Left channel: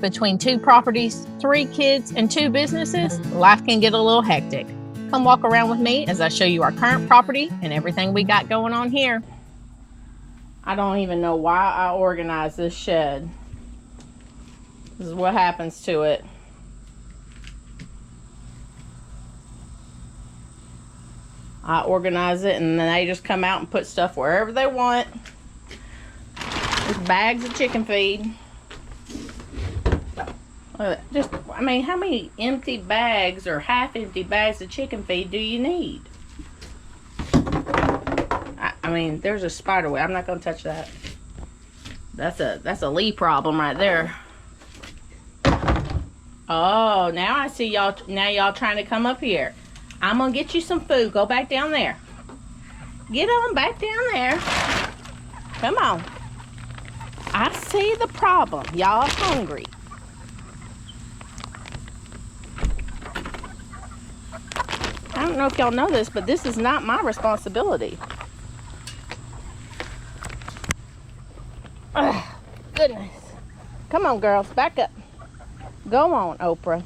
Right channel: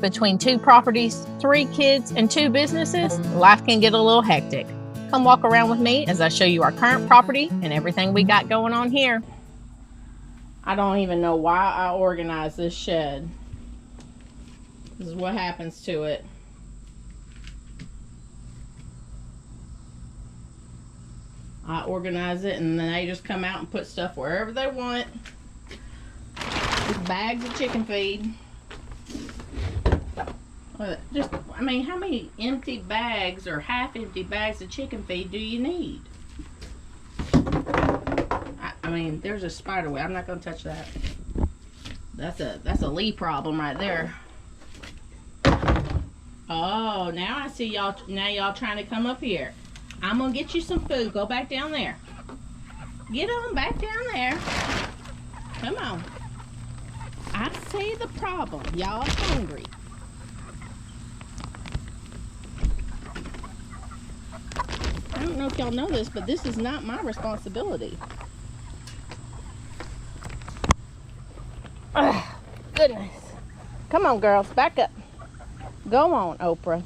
Between 2 properties, 3 kids, and 2 businesses, life can get a little hectic. Come walk around with me as I show you our current property and everything we got going on here. I don't even know why I organized this shed. This is what happens to it. I organize it and then they just come out and put stuff wherever they want. With bags of chicken feed. I mean, how many empty bags or half-empty bags of chicken feed do you need? I mean, there's a spider web. I'm not gonna touch that. That's a Lee problem right there. Oh, now I see y'all. Now y'all trying to come up here. I'm gonna get you some food. Go back down there. Get on back down there. Come on. I see the problem. Y'all are hungry. I don't know if y'all know this, but this is not my responsibility. Ugh, goodness. Come on, girls. Back up. Go on, Oprah.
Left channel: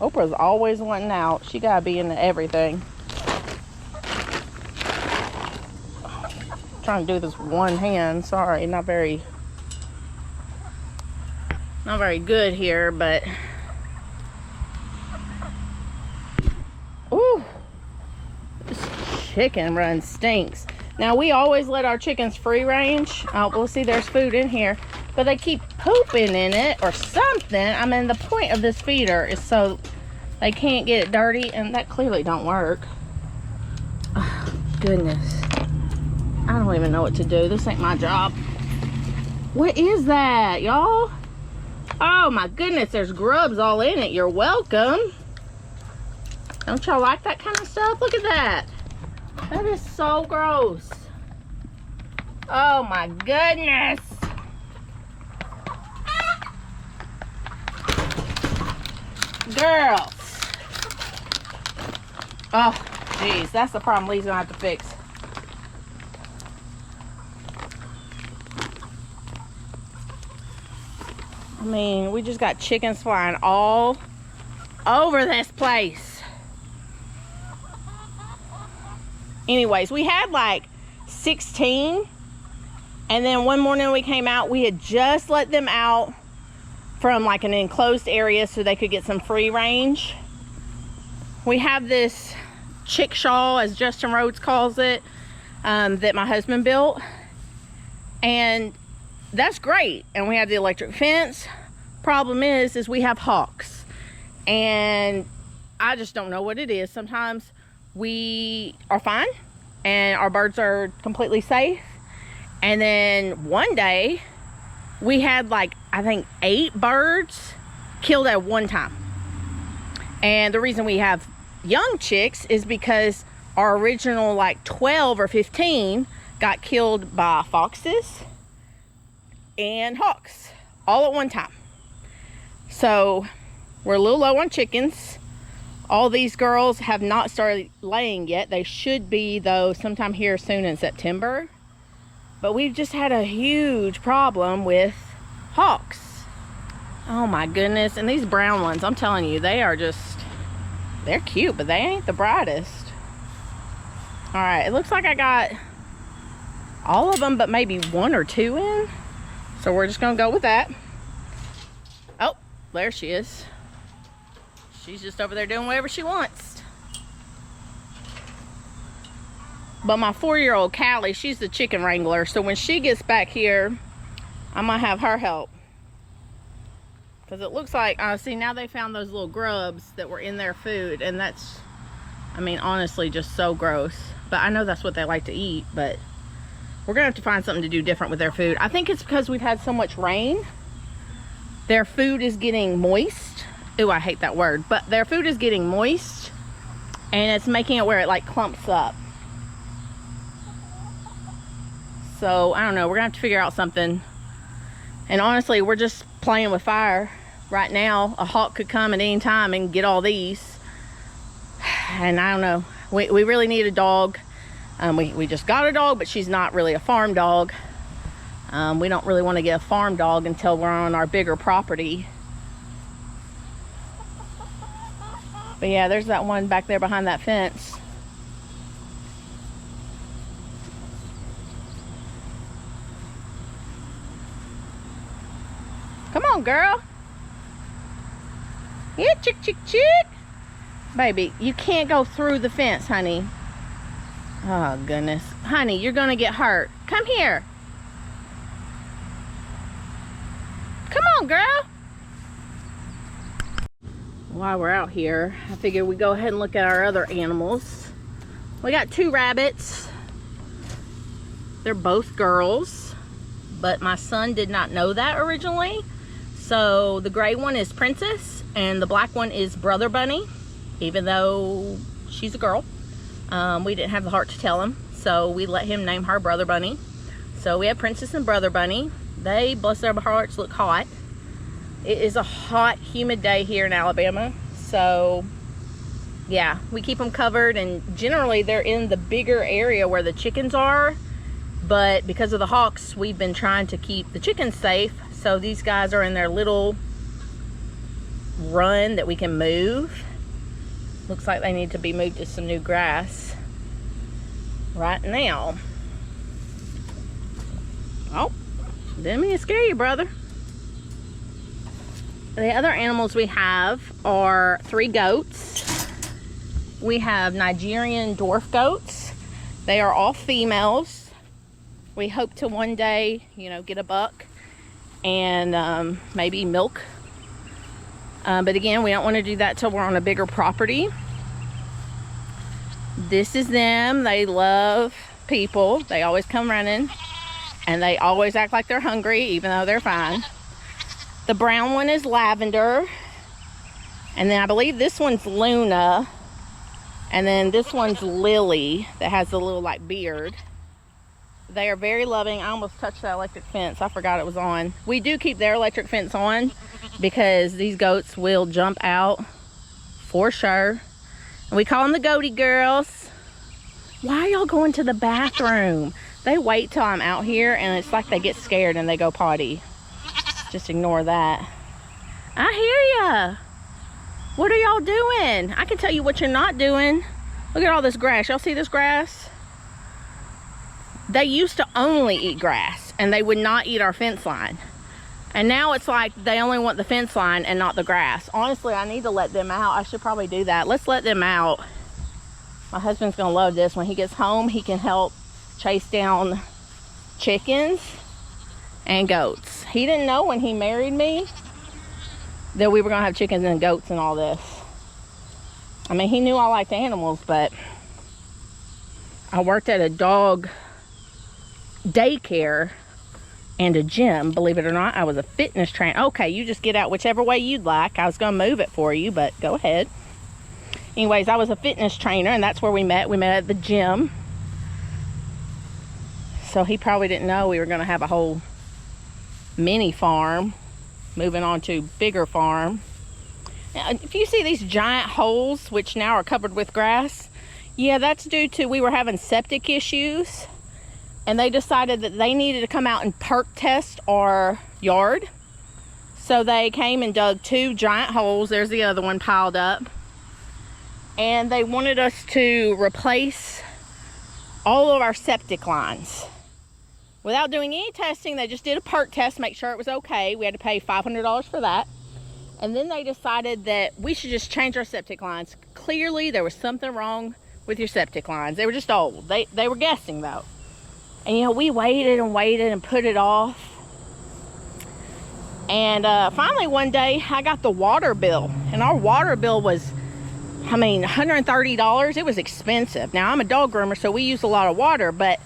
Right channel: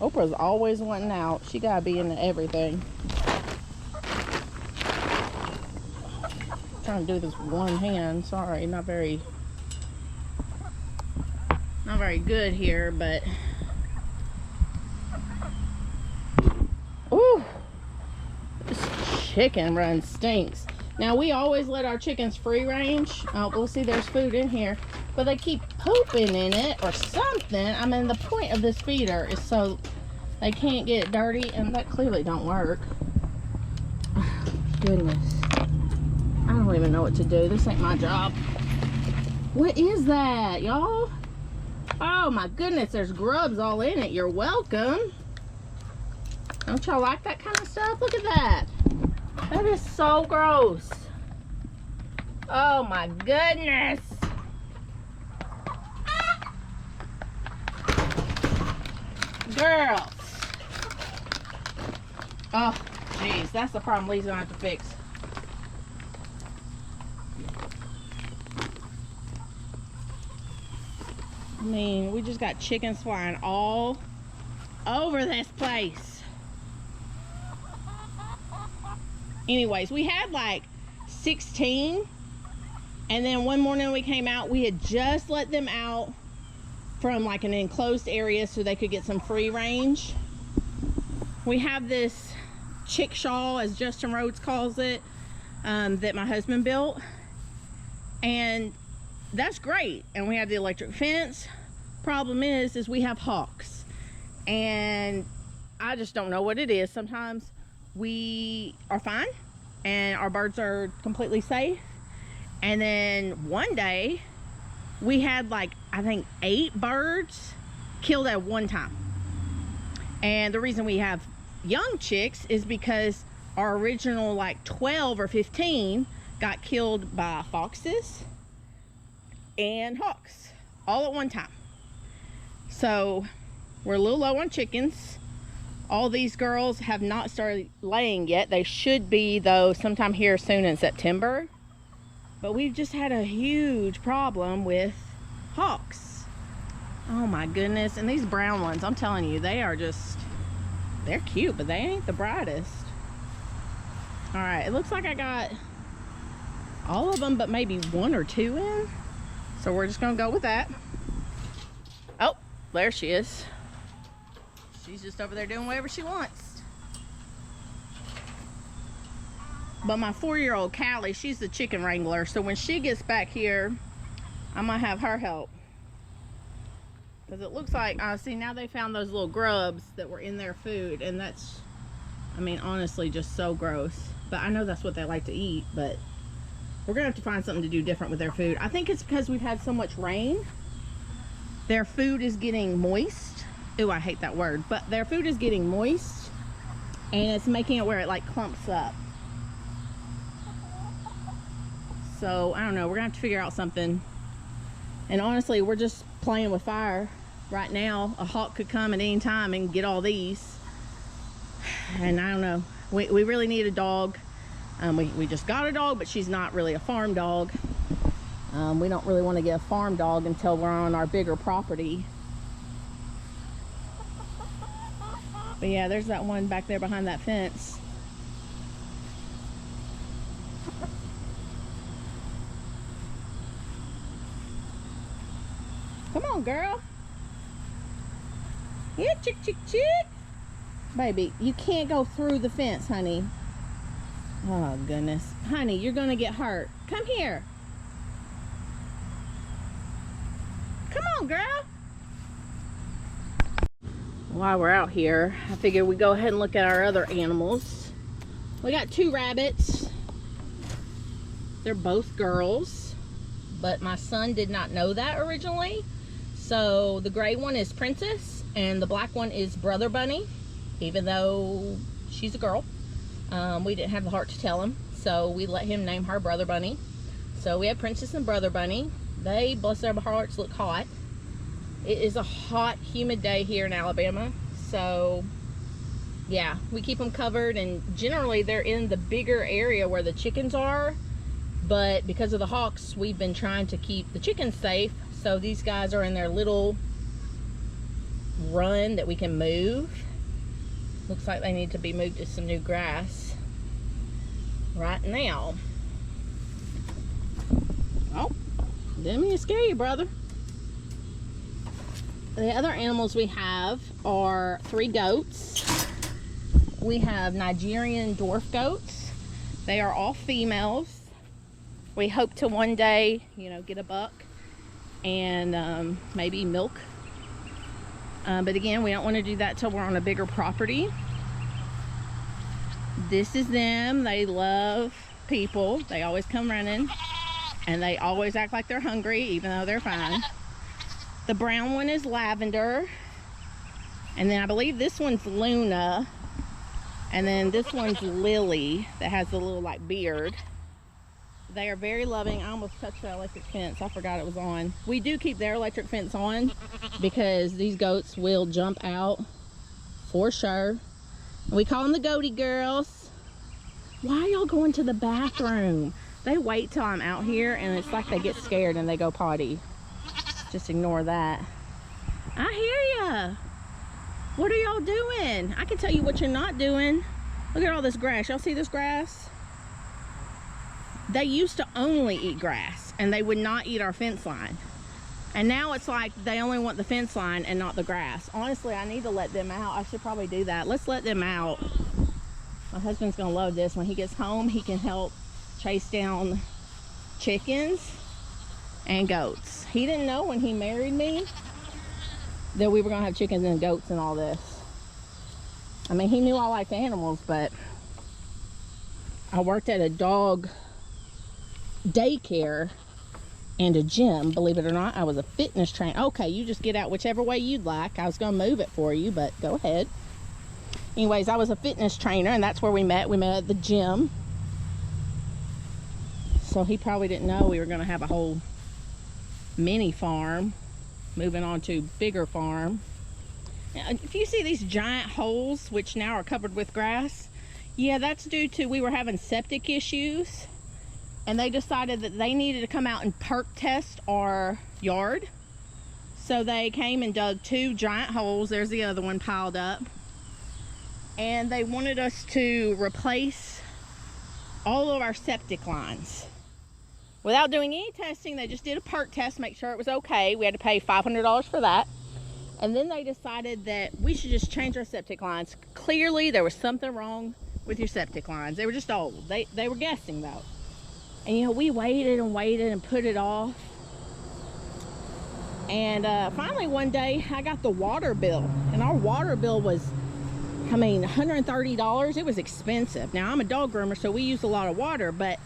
Oprah's always wanting out. She gotta be into everything. I'm trying to do this with one hand. Sorry, not very good here, but ooh, this chicken run stinks. Now we always let our chickens free range. We'll see there's food in here, but they keep pooping in it or something. I mean, the point of this feeder is so they can't get it dirty, and that clearly don't work. Oh, goodness. I don't even know what to do. This ain't my job. What is that, y'all? Oh my goodness, there's grubs all in it. You're welcome. Don't y'all like that kind of stuff? Look at that. That is so gross. Oh my goodness. Girls. Oh, jeez, that's the problem Lee's gonna have to fix. I mean, we just got chickens flying all over this place. Anyways, we had like 16, and then one morning we came out, we had just let them out from like an enclosed area so they could get some free range. We have this chickshaw, as Justin Rhodes calls it, that my husband built, and that's great. And we have the electric fence. Problem is we have hawks, and I just don't know what it is. Sometimes we are fine and our birds are completely safe, and then one day we had like, I think 8 birds killed at one time. And the reason we have young chicks is because our original like 12 or 15 got killed by foxes and hawks all at one time. So we're a little low on chickens. All these girls have not started laying yet. They should be, though, sometime here soon in September. But we've just had a huge problem with hawks. Oh my goodness. And these brown ones, I'm telling you, they are just, they're cute, but they ain't the brightest. All right, it looks like I got all of them, but maybe 1 or 2 in. So we're just gonna go with that. Oh, there she is. She's just over there doing whatever she wants. But my 4-year-old Callie, she's the chicken wrangler. So when she gets back here, I'm gonna have her help. Because it looks like, see, now they found those little grubs that were in their food. And that's, I mean, honestly, just so gross. But I know that's what they like to eat. But we're gonna have to find something to do different with their food. I think it's because we've had so much rain. Their food is getting moist. Ooh, I hate that word, but their food is getting moist, and it's making it where it like clumps up. So I don't know, we're gonna have to figure out something. And honestly, we're just playing with fire right now. A hawk could come at any time and get all these, and I don't know, we really need a dog. We just got a dog, but she's not really a farm dog. We don't really want to get a farm dog until we're on our bigger property. But yeah, there's that one back there behind that fence. Come on, girl. Yeah, chick, chick, chick. Baby, you can't go through the fence, honey. Oh, goodness. Honey, you're going to get hurt. Come here. Come on, girl. While we're out here, I figured we'd go ahead and look at our other animals. We got 2 rabbits. They're both girls, but my son did not know that originally. So the gray one is Princess and the black one is Brother Bunny, even though she's a girl. We didn't have the heart to tell him, so we let him name her Brother Bunny. So we have Princess and Brother Bunny. They, bless their hearts, look hot. It is a hot, humid day here in Alabama, so yeah, we keep them covered, and generally they're in the bigger area where the chickens are, but because of the hawks, we've been trying to keep the chickens safe. So these guys are in their little run that we can move. Looks like they need to be moved to some new grass right now. Oh, didn't mean to scare you, brother. The other animals we have are 3 goats. We have Nigerian dwarf goats. They are all females. We hope to one day, you know, get a buck and maybe milk. But again, we don't want to do that till we're on a bigger property. This is them. They love people. They always come running, and they always act like they're hungry, even though they're fine. The brown one is Lavender, and then I believe this one's Luna, and then this one's Lily that has the little like beard. They are very loving. I almost touched that electric fence. I forgot it was on. We do keep their electric fence on because these goats will jump out for sure. And we call them the goaty girls. Why are y'all going to the bathroom? They wait till I'm out here and it's like they get scared and they go potty. Just ignore that. I hear ya. What are y'all doing? I can tell you what you're not doing. Look at all this grass. Y'all see this grass? They used to only eat grass and they would not eat our fence line. And now it's like they only want the fence line and not the grass. Honestly, I need to let them out. I should probably do that. Let's let them out. My husband's gonna love this. When he gets home, he can help chase down chickens and goats. He didn't know when he married me that we were gonna have chickens and goats and all this. I mean, he knew I liked animals, but I worked at a dog daycare and a gym, believe it or not. I was a fitness trainer. Okay, you just get out whichever way you'd like. I was gonna move it for you, but go ahead. Anyways, I was a fitness trainer, and that's where we met. We met at the gym. So he probably didn't know we were gonna have a whole mini farm, moving on to bigger farm. Now, if you see these giant holes, which now are covered with grass, yeah, that's due to we were having septic issues. And they decided that they needed to come out and perk test our yard. So they came and dug 2 giant holes. There's the other one piled up. And they wanted us to replace all of our septic lines. Without doing any testing, they just did a perk test, make sure it was okay. We had to pay $500 for that. And then they decided that we should just change our septic lines. Clearly, there was something wrong with your septic lines. They were just old. They were guessing, though. And, you know, we waited and waited and put it off. And finally one day, I got the water bill. And our water bill was, I mean, $130. It was expensive. Now, I'm a dog groomer, so we use a lot of water. But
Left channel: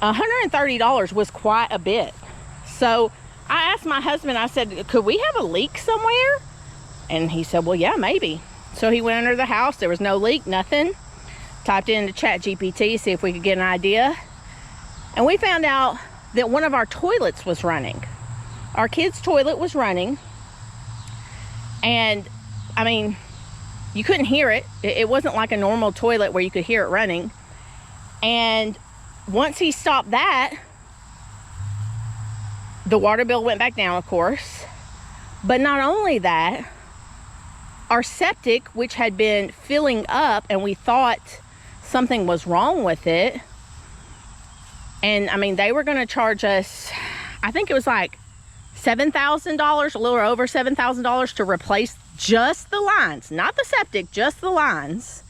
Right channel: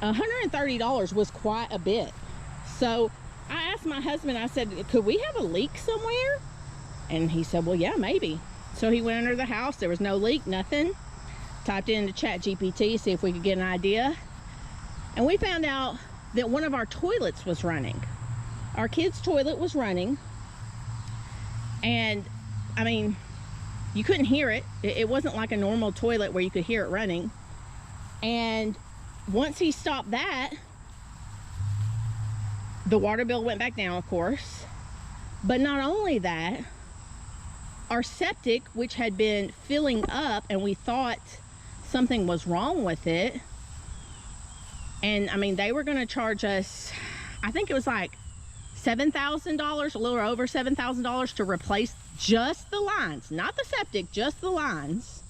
$130 was quite a bit. So I asked my husband, I said, could we have a leak somewhere? And he said, well, yeah, maybe. So he went under the house. There was no leak, nothing. Typed into ChatGPT, see if we could get an idea. And we found out that one of our toilets was running. Our kids' toilet was running. And, I mean, you couldn't hear it. It wasn't like a normal toilet where you could hear it running. And once he stopped that, the water bill went back down, of course. But not only that, our septic, which had been filling up, and we thought something was wrong with it. And I mean, they were going to charge us, I think it was like $7,000, a little over $7,000 to replace just the lines, not the septic, just the lines.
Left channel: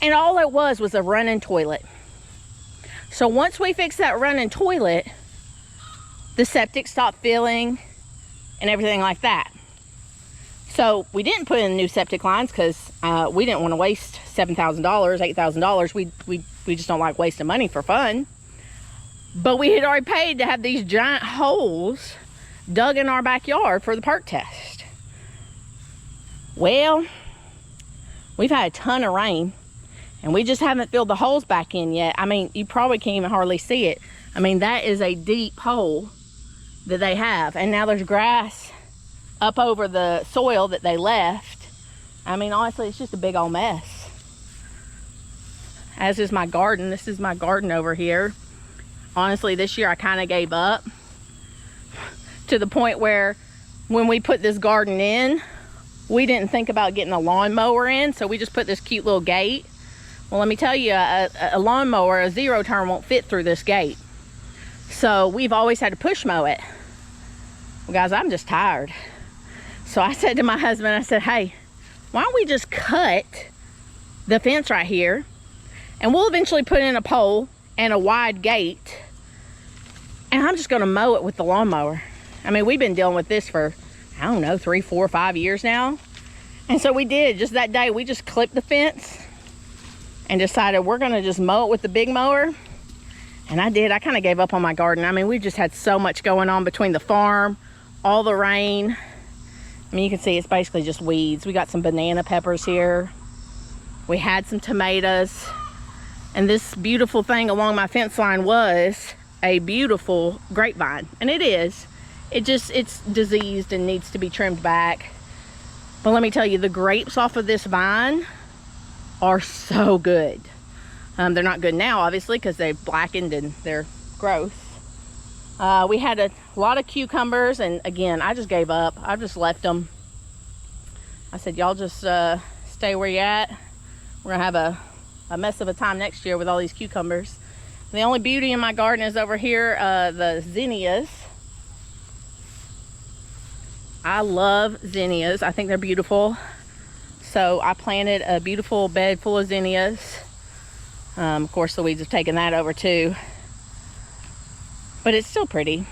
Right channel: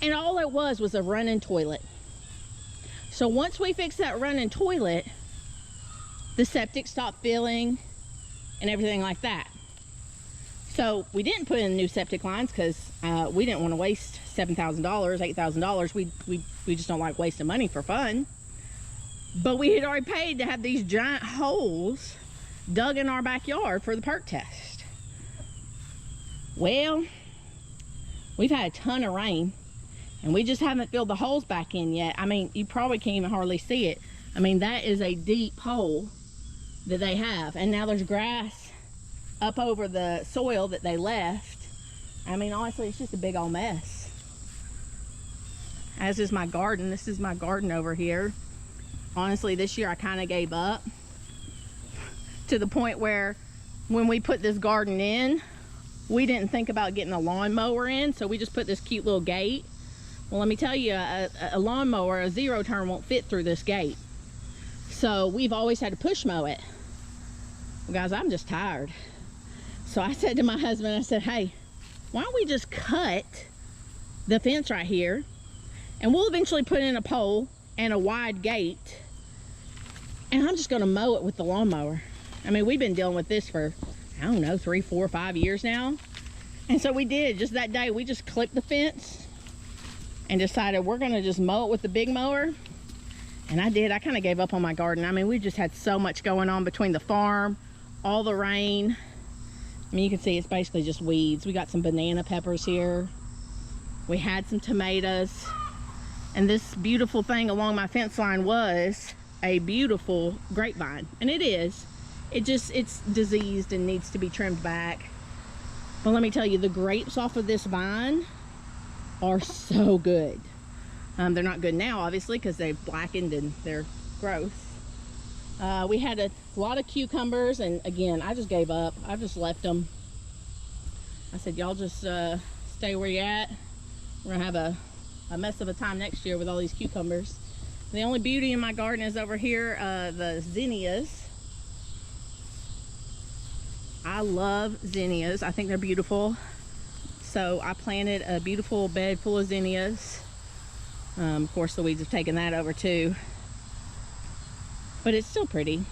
And all it was a running toilet. So once we fixed that running toilet, the septic stopped filling and everything like that. So we didn't put in new septic lines because we didn't want to waste $7,000, $8,000. We just don't like wasting money for fun. But we had already paid to have these giant holes dug in our backyard for the perk test. Well, we've had a ton of rain, and we just haven't filled the holes back in yet. I mean, you probably can't even hardly see it. I mean, that is a deep hole that they have. And now there's grass up over the soil that they left. I mean, honestly, it's just a big old mess. As is my garden. This is my garden over here. Honestly, this year I kind of gave up, to the point where when we put this garden in, we didn't think about getting a lawnmower in, so we just put this cute little gate. Well, let me tell you, a lawnmower, a zero turn, won't fit through this gate. So we've always had to push mow it. Well, guys, I'm just tired. So I said to my husband, I said, hey, why don't we just cut the fence right here, and we'll eventually put in a pole and a wide gate, and I'm just gonna mow it with the lawnmower. I mean, we've been dealing with this for, I don't know, 3, 4, 5 years now. And so we did. Just that day, we just clipped the fence and decided we're gonna just mow it with the big mower. And I did. I kind of gave up on my garden. I mean, we just had so much going on between the farm, all the rain. I mean, you can see it's basically just weeds. We got some banana peppers here. We had some tomatoes. And this beautiful thing along my fence line was a beautiful grapevine. And it is. It's diseased and needs to be trimmed back. But let me tell you, the grapes off of this vine are so good. They're not good now, obviously, because they've blackened and they're gross. We had a lot of cucumbers, and again, I just gave up. I just left them. I said, y'all just stay where you're at. We're gonna have a mess of a time next year with all these cucumbers. The only beauty in my garden is over here, the zinnias. I love zinnias. I think they're beautiful. So I planted a beautiful bed full of zinnias. Of course, the weeds have taken that over too. But it's still pretty.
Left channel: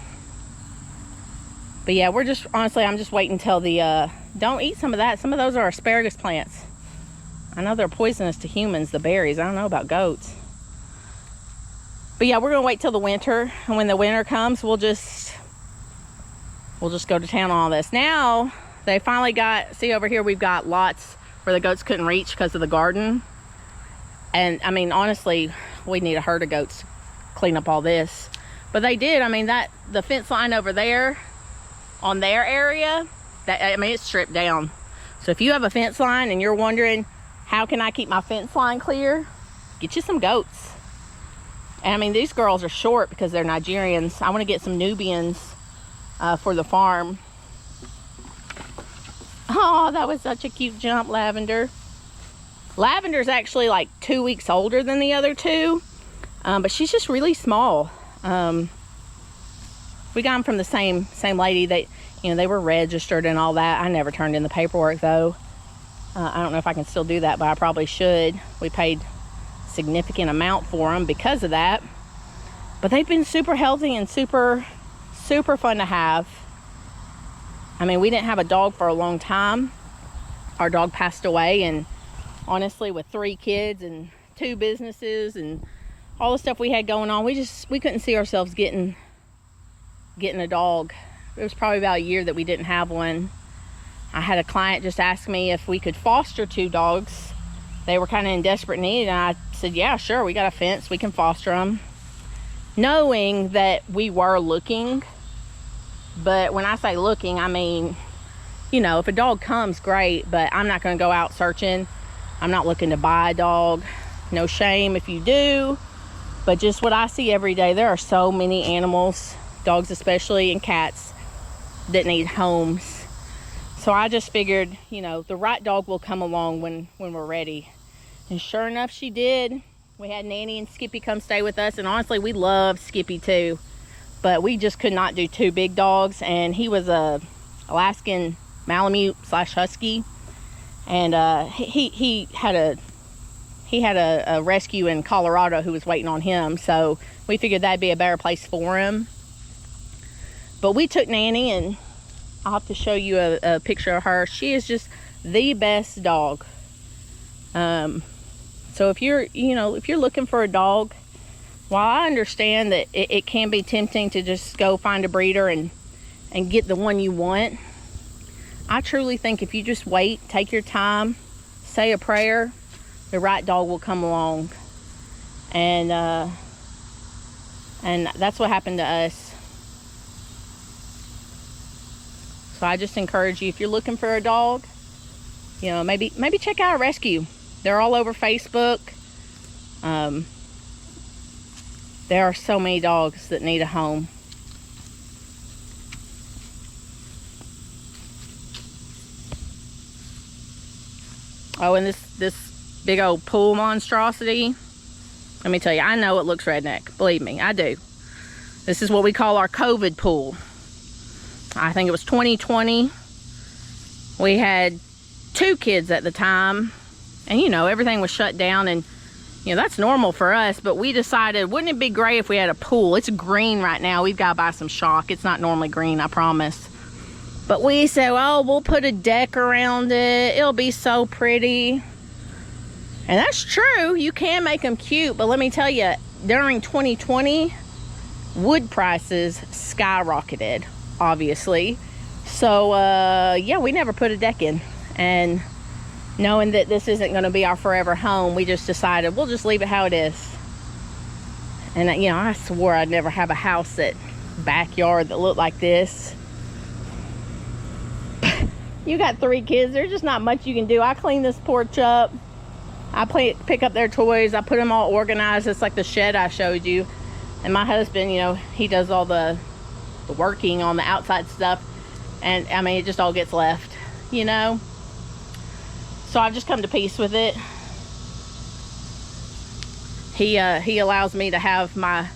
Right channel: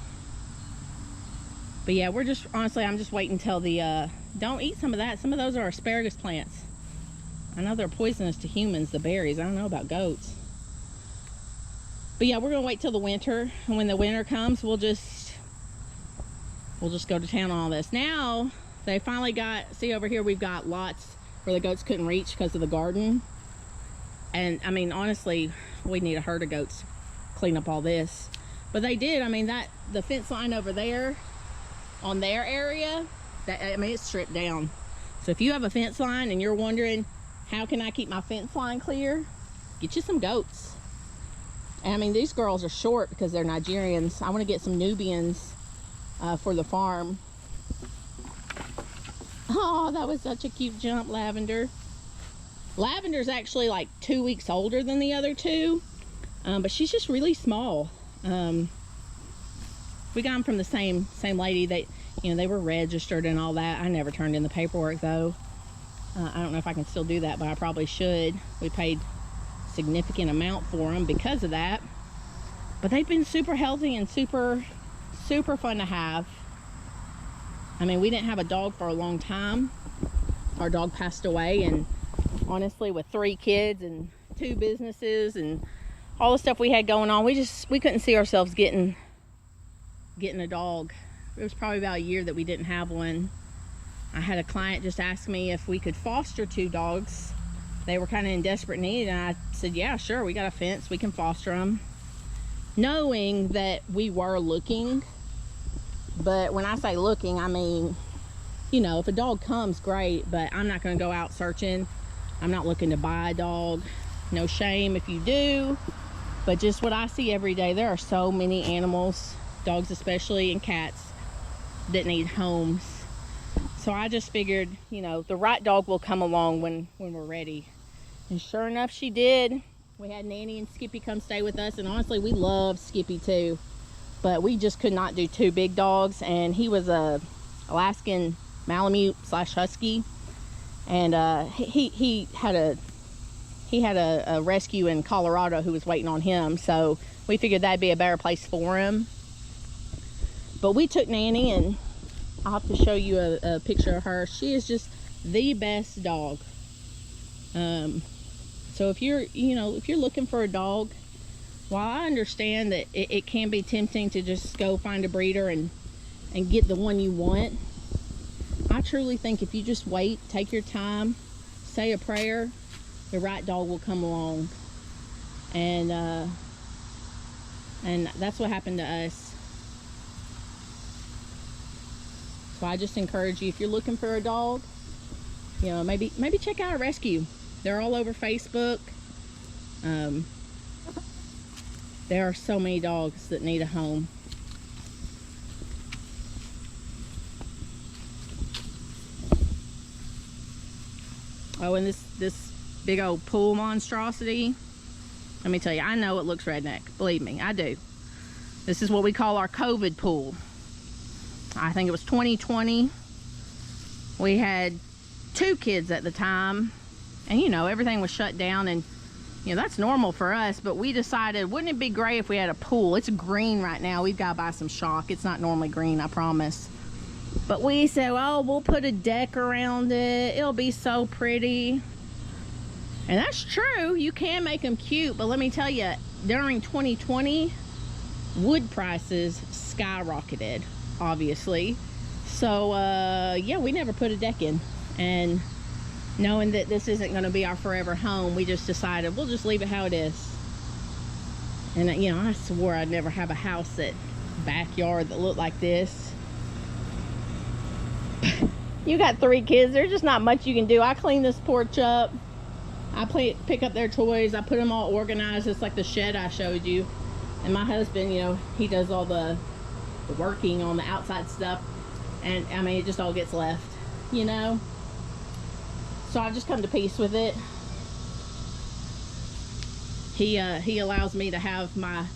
But yeah, we're just, honestly, I'm just waiting until the, don't eat some of that. Some of those are asparagus plants. I know they're poisonous to humans, the berries. I don't know about goats. But yeah, we're gonna wait till the winter. And when the winter comes, we'll just go to town on all this. Now, they finally got, see over here, we've got lots where the goats couldn't reach because of the garden. And I mean, honestly, we need a herd of goats to clean up all this. But they did. I mean, the fence line over there on their area, I mean, it's stripped down. So if you have a fence line and you're wondering, how can I keep my fence line clear? Get you some goats. And I mean, these girls are short because they're Nigerians. I want to get some Nubians for the farm. Oh, that was such a cute jump, Lavender. Lavender's actually like 2 weeks older than the other two, but she's just really small. We got them from the same lady. That, you know, they were registered and all that. I never turned in the paperwork though. I don't know if I can still do that, but I probably should. We paid a significant amount for them because of that. But they've been super healthy and super fun to have. I mean, we didn't have a dog for a long time. Our dog passed away, and honestly, with 3 kids and 2 businesses and all the stuff we had going on, we couldn't see ourselves getting a dog. It was probably about a year that we didn't have one. I had a client just ask me if we could foster 2 dogs. They were kind of in desperate need, and I said, yeah, sure, we got a fence, we can foster them. Knowing that we were looking, but when I say looking, I mean, you know, if a dog comes, great, but I'm not going to go out searching. I'm not looking to buy a dog. No shame if you do, but just what I see every day, there are so many animals, dogs especially, and cats, that need homes. So I just figured, you know, the right dog will come along when we're ready. And sure enough, she did. We had Nanny and Skippy come stay with us, and honestly, we love Skippy too. But we just could not do 2 big dogs, and he was a Alaskan Malamute / Husky, and he had a rescue in Colorado who was waiting on him, so we figured that'd be a better place for him. But we took Nanny, and I'll have to show you a picture of her. She is just the best dog. So if you're looking for a dog, while I understand that it can be tempting to just go find a breeder and get the one you want, I truly think if you just wait, take your time, say a prayer, the right dog will come along. And that's what happened to us. So I just encourage you, if you're looking for a dog, you know, maybe check out a rescue. They're all over Facebook. There are so many dogs that need a home. Oh, and this big old pool monstrosity, let me tell you, I know it looks redneck. Believe me, I do. This is what we call our COVID pool. I think it was 2020. We had 2 kids at the time, and you know, everything was shut down, and you know, that's normal for us, but we decided, wouldn't it be great if we had a pool? It's green right now. We've got to buy some shock. It's not normally green, I promise. But we said, oh, we'll put a deck around it. It'll be so pretty. And that's true. You can make them cute, but let me tell you, during 2020, wood prices skyrocketed, obviously. So, yeah, we never put a deck in. And knowing that this isn't going to be our forever home, we just decided we'll just leave it how it is. And you know, I swore I'd never have a house backyard that looked like this. You got 3 kids, there's just not much you can do. I clean this porch up, I pick up their toys, I put them all organized. It's like the shed I showed you. And my husband, you know, he does all the working on the outside stuff, and I mean, it just all gets left, you know. So I've just come to peace with it. He allows me to have my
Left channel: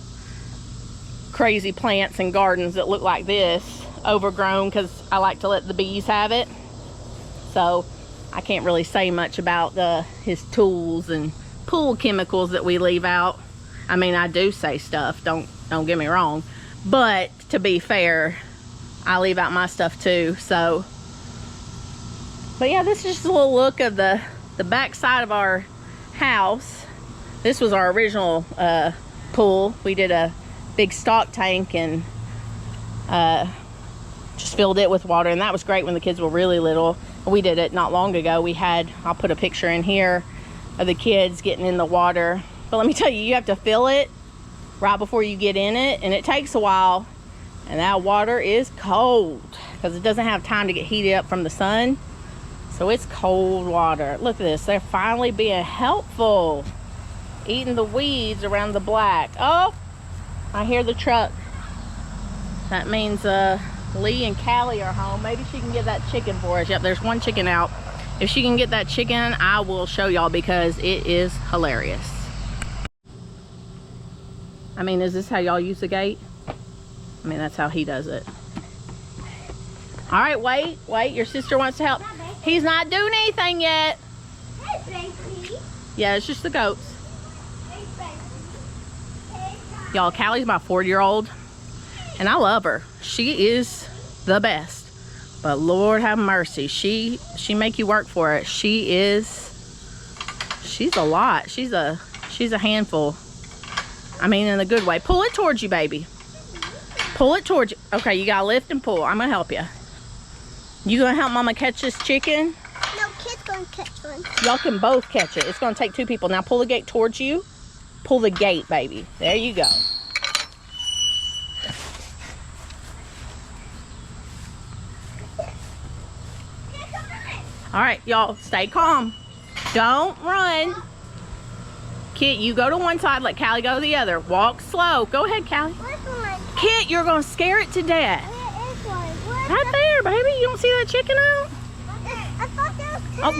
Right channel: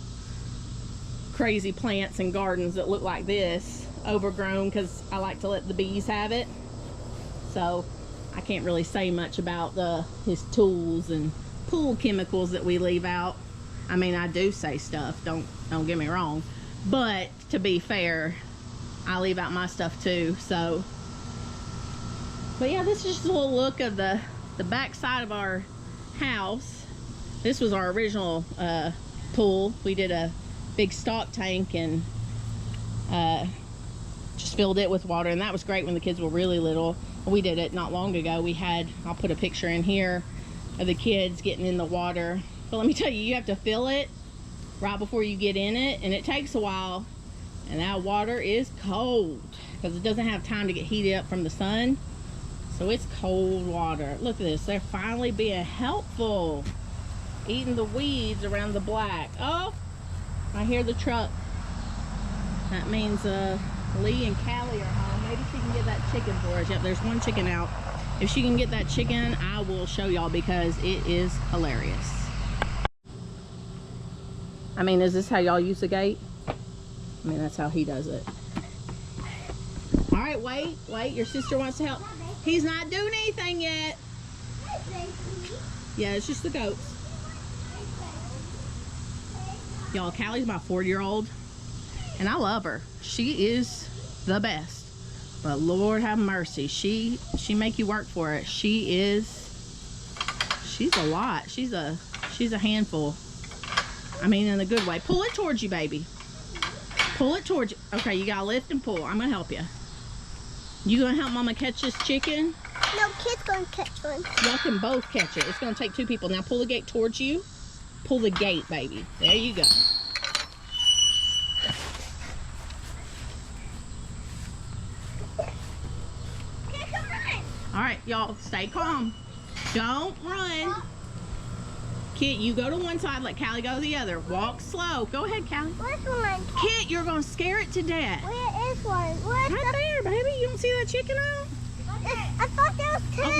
crazy plants and gardens that look like this, overgrown, because I like to let the bees have it. So I can't really say much about his tools and pool chemicals that we leave out. I mean, I do say stuff, don't get me wrong, but to be fair, I leave out my stuff too. So, but yeah, this is just a little look of the back side of our house. This was our original pool. We did a big stock tank and just filled it with water, and that was great when the kids were really little. We did it not long ago. I'll put a picture in here of the kids getting in the water. But let me tell you, you have to fill it right before you get in it, and it takes a while. And that water is cold because it doesn't have time to get heated up from the sun. So it's cold water. Look at this. They're finally being helpful. Eating the weeds around the black. Oh, I hear the truck. That means Lee and Callie are home. Maybe she can get that chicken for us. Yep, there's one chicken out. If she can get that chicken, I will show y'all because it is hilarious. I mean, is this how y'all use the gate? I mean, that's how he does it. All right, wait. Your sister wants to help. He's not doing anything yet. Yeah, it's just the goats. Y'all, Callie's my 4-year-old, and I love her. She is the best. But Lord have mercy, she make you work for it. She's a lot. She's a handful. I mean, in a good way. Pull it towards you, baby. Pull it towards you. Okay, you gotta lift and pull. I'm gonna help you. You gonna help Mama catch this chicken? No, kid's gonna catch one. Y'all can both catch it. It's gonna take 2 people. Now pull the gate towards you. Pull the gate, baby. There you go. All right, y'all, stay calm. Don't run. Kit, you go to one side, let Callie go to the other. Walk slow. Go ahead, Callie. Where's one? Kit, you're gonna scare it to death. Where is this one. Where's Right there, baby. You don't see that chicken out? I thought there was two. Oh,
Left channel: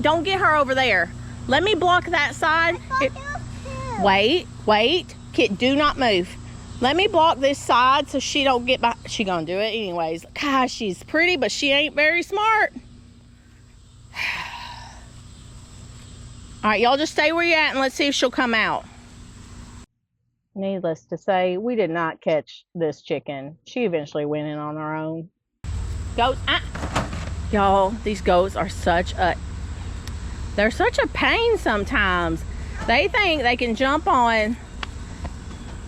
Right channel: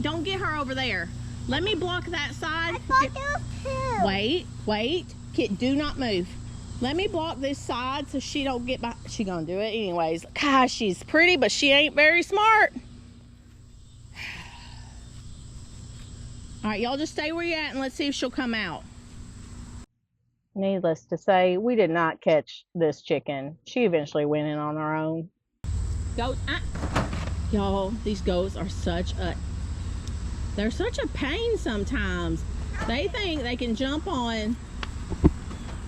don't get her over there. Let me block that side. I thought there was two. Wait. Kid, do not move. Let me block this side so she don't get by. She gonna do it anyways. Gosh, she's pretty, but she ain't very smart. All right, y'all just stay where you're at and let's see if she'll come out. Needless to say, we did not catch this chicken. She eventually went in on her own. Goats, y'all, these goats are they're such a pain sometimes. They think they can jump on.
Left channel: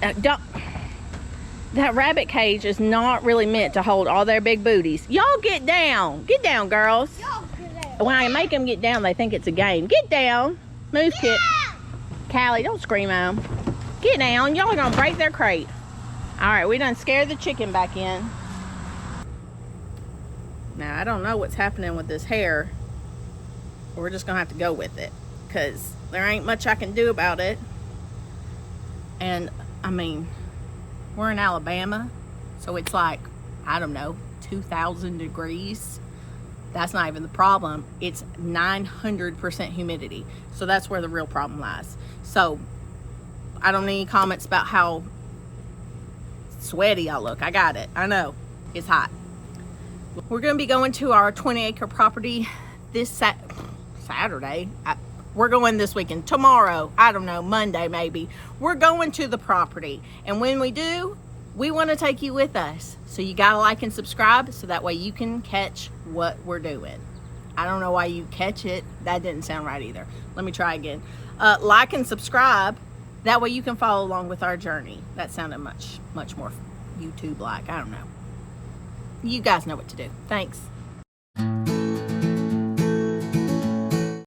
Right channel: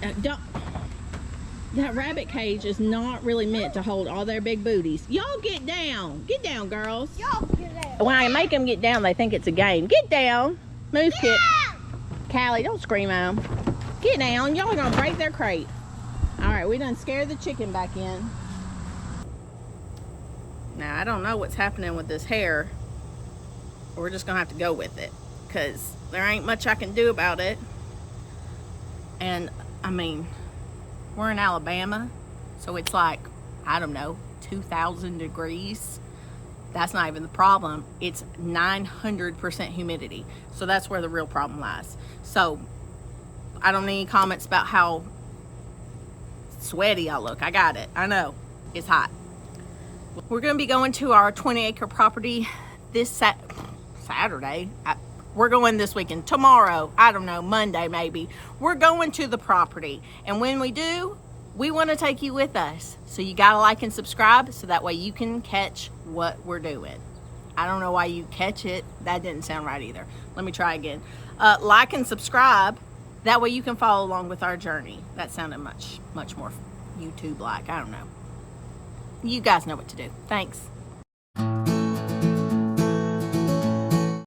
That rabbit cage is not really meant to hold all their big booties. Y'all get down. Get down, girls. Y'all get down. When I make them get down, they think it's a game. Get down. Move, Kit. Callie, don't scream at them. Get down. Y'all are going to break their crate. All right, we done scared the chicken back in. Now, I don't know what's happening with this hair. We're just going to have to go with it because there ain't much I can do about it. And, I mean, we're in Alabama, so it's like, I don't know, 2,000 degrees. That's not even the problem. It's 900% humidity. So that's where the real problem lies. So I don't need any comments about how sweaty I look. I got it. I know. It's hot. We're going to be going to our 20-acre property this Saturday. We're going this weekend. Tomorrow, I don't know, Monday maybe. We're going to the property. And when we do, we want to take you with us. So you got to like and subscribe so that way you can catch what we're doing. I don't know why you catch it. That didn't sound right either. Let me try again. Like and subscribe. That way you can follow along with our journey. That sounded much more YouTube-like. I don't know. You guys know what to do. Thanks.